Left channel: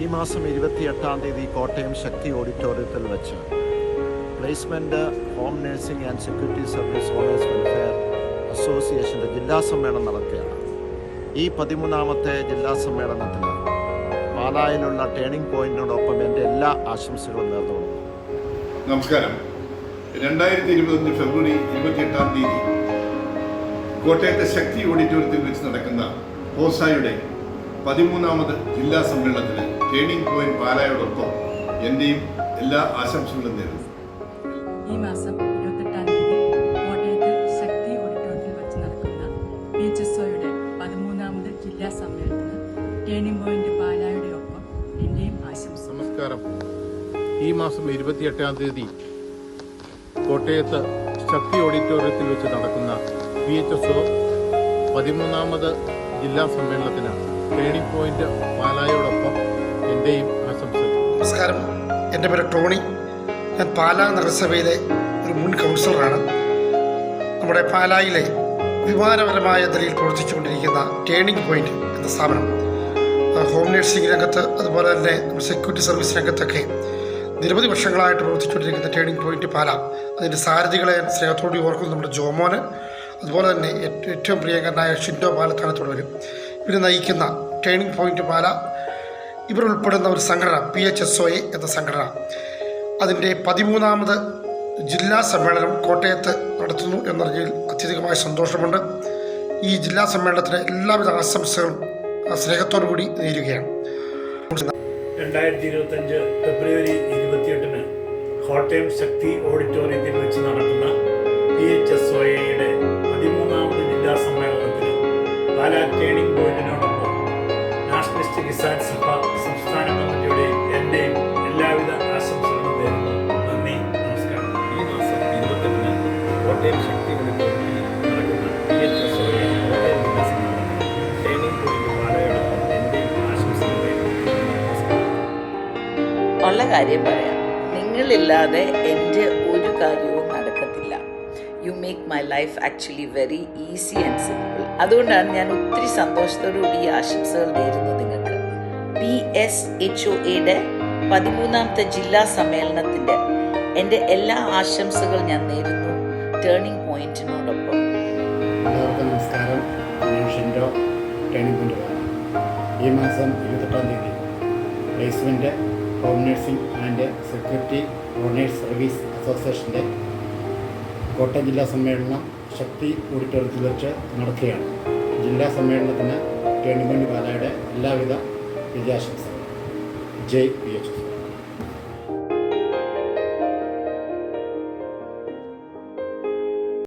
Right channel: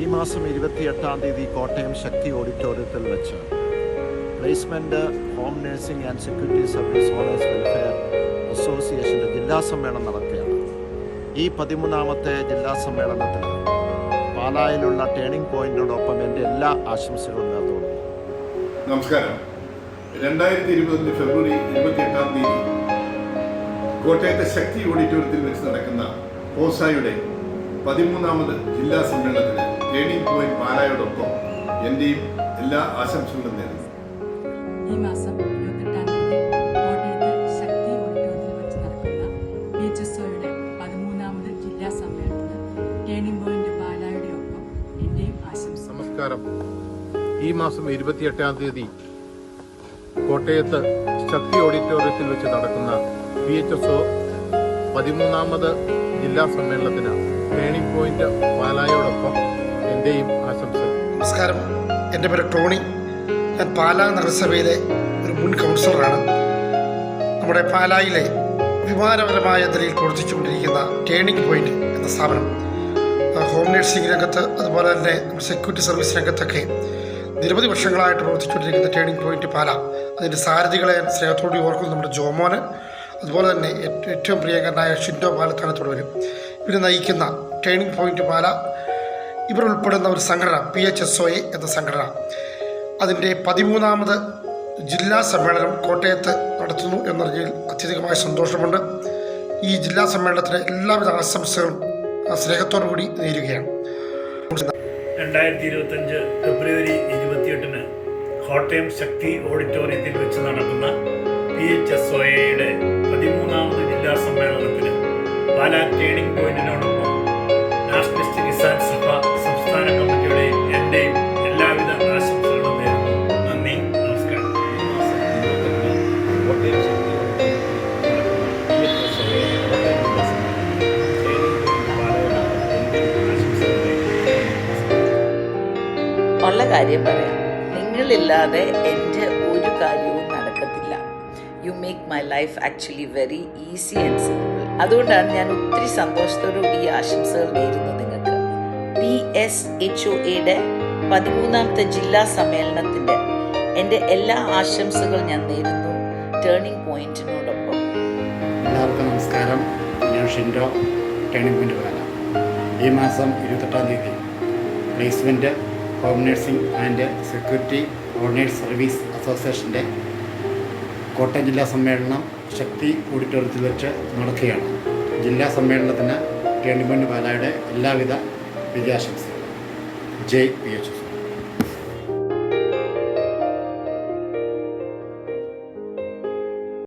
ഈ മാസം 28-ാം തീയതി കോട്ടയം ശക്തി ഓഡിറ്റോറിയത്തിൽ വെച്ച് placement home nursing and security service owners welfare അസോസിയേഷൻ്റെ ജില്ലാ സമ്മേളനം നടക്കുകയാണ്. ഈ 13ാമത്തെ ജില്ലാ സമ്മേളനത്തിന് പാലായിലുള്ള ടേണിംഗ് പോയിന്റിനോടൊപ്പം എൻ്റെ എല്ലാ ആശംസകളും നേർന്നുകൊള്ളുന്നു. നമസ്കാരം. 2025 ഫെബ്രുവരി 28-ാം തീയതി കോട്ടയത്തെ ശക്തി ഓഡിറ്റോറിയത്തിൽ വെച്ച് നടക്കുന്ന പോസായുടെ 13ാമത് ജില്ലാ സമ്മേളനത്തിന് ടേണിംഗ് പോയിന്റ് പാലായോടൊപ്പം എൻ്റെയും എല്ലാ ആശംസകളും നേരുന്നു. ഈ മാസം 28-ാം തീയതി കോട്ടയത്ത് ശക്തി ഓഡിറ്റോറിയത്തിൽ വെച്ച് നടക്കുന്ന PHSOയുടെ 13ാമത് ജില്ലാ സമ്മേളനത്തിന് ടേണിംഗ് പോയിന്റ് പാലായുടെ ഒപ്പം എൻ്റെയും ആശംസ. നമസ്കാരം. ഈ മാസം 28-ാം തീയതി കോട്ടയത്ത് ശക്തി ഓഡിറ്റോറിയത്തിൽ വെച്ച് നടക്കുന്ന PHSO 13ാമത് ജില്ലാ സമ്മേളനത്തിന് ടേണിംഗ് പോയിന്റ് പാലായോടൊപ്പം എൻ്റെയും ആശംസകൾ. നമസ്കാരം. എൻ്റെ പേര് ടോണി. ഞാൻ പാലാ നഗരസഭയിലെ ഒരു മുൻ കൗൺസിലറാണ്. നമ്മുടെ പാലായിലെ വിമാനപരമായ നിലയിൽ പ്രവർത്തിച്ചുകൊണ്ടിരിക്കുന്ന ടേണിംഗ് പോയിന്റ് എന്ന സ്ഥാപനം ഹോം നഴ്സിംഗ് രംഗത്ത് അതുപോലെ തന്നെ സെക്യൂരിറ്റി സർവീസ് രംഗത്തൊക്കെ നിരവധി വർഷങ്ങളായിട്ട് പ്രവർത്തിച്ചുകൊണ്ടിരിക്കുന്ന ടേണിംഗ് പോയിന്റ് പാല, അതിൻ്റെ സാരഥികളെ സ്നേഹത്തോടെ ഓർക്കുന്നു നമ്മുടെ ജോമോന്, അതുപോലെ തന്നെ ഏറ്റവും പ്രിയങ്കരനായ ഷിൻഡോ പാലത്താനത്തോട് വരും. ഇവർ നയിക്കുന്ന ടേണിംഗ് പോയിന്റ് പാല, ഇവർ ഉൾപ്പെടുന്ന ഒരു സംഘടന PHSOA എന്ന സംഘടന അതിൻ്റെ 13ാമത് ജില്ലാ സമ്മേളനം കോട്ടയത്ത് നടത്തുന്നു എന്നറിഞ്ഞതിൽ അത്യധികമായ സന്തോഷമുണ്ട്. ഈ ജില്ലാ സമ്മേളനത്തിന് എല്ലാവിധ ആശംസകളും സ്നേഹത്തോടു കൂടി നേരുകയാണ്. 2025 ഫെബ്രുവരി 28-ന് കോട്ടയം ശക്തി ഓഡിറ്റോറിയത്തിൽ വെച്ച് നടക്കുന്ന PHSOAയുടെ 13ാമത് ജില്ലാ സമ്മേളനത്തിന് പാലാ ടേണിംഗ് പോയിന്റിനോടൊപ്പം നാഷണലിസ്റ്റ് കിസാൻ സഭ സംസ്ഥാന കമ്മിറ്റിയുടെയും എൻ്റെയും എല്ലാവിധ ആശംസകളും നേരുന്നു. നന്ദി, നമസ്കാരം. ഈ മാസം 28-ന് കോട്ടയം ശക്തി ഓഡിറ്റോറിയത്തിൽ നടക്കുന്ന PHSOA കോട്ടയം ജില്ലാ സമ്മേളനത്തിന് ടേണിംഗ് പോയിന്റ് പാലായോടൊപ്പം എൻ്റെയും ആശംസകൾ നേരുന്നു. ഉള്ള കാര്യം പറയാം. നിങ്ങളില്ലാതെ എൻ്റെ ഒരു കാര്യവും നടക്കത്തില്ല. You make my life actually very easy and simple. അതുകൊണ്ടാണ് ഞാൻ ഒത്തിരി സന്തോഷത്തോടുകൂടി ഈ ആശംസകൾ നേരുന്നു നിങ്ങൾക്ക്. PHSOAയുടെ 13ാമത്തെ ജില്ലാ സമ്മേളനത്തിൻ്റെ എൻ്റെ എല്ലാ ആശംസകൾ ഞാൻ നേരുന്നു ടേണിംഗ് പോയിന്റിനോടൊപ്പം. എല്ലാവർക്കും നമസ്കാരം. ഞാൻ ഷിൻഡോ, ടേണിംഗ് പോയിന്റ് പാല. ഈ മാസം 28-ാം തീയതി placement home nursing and security owners service അസോസിയേഷൻ്റെ കോട്ടയം ജില്ലാ സമ്മേളനം ശക്തി ഓഡിറ്റോറിയത്തിൽ വെച്ച് നടക്കുകയാണ്. ജില്ലാ സമ്മേളനത്തിന് ടേണിംഗ് പോയിന്റ് പാലായുടെ എല്ലാവിധ വിജയാശംസകളും. ജയ് PHSO.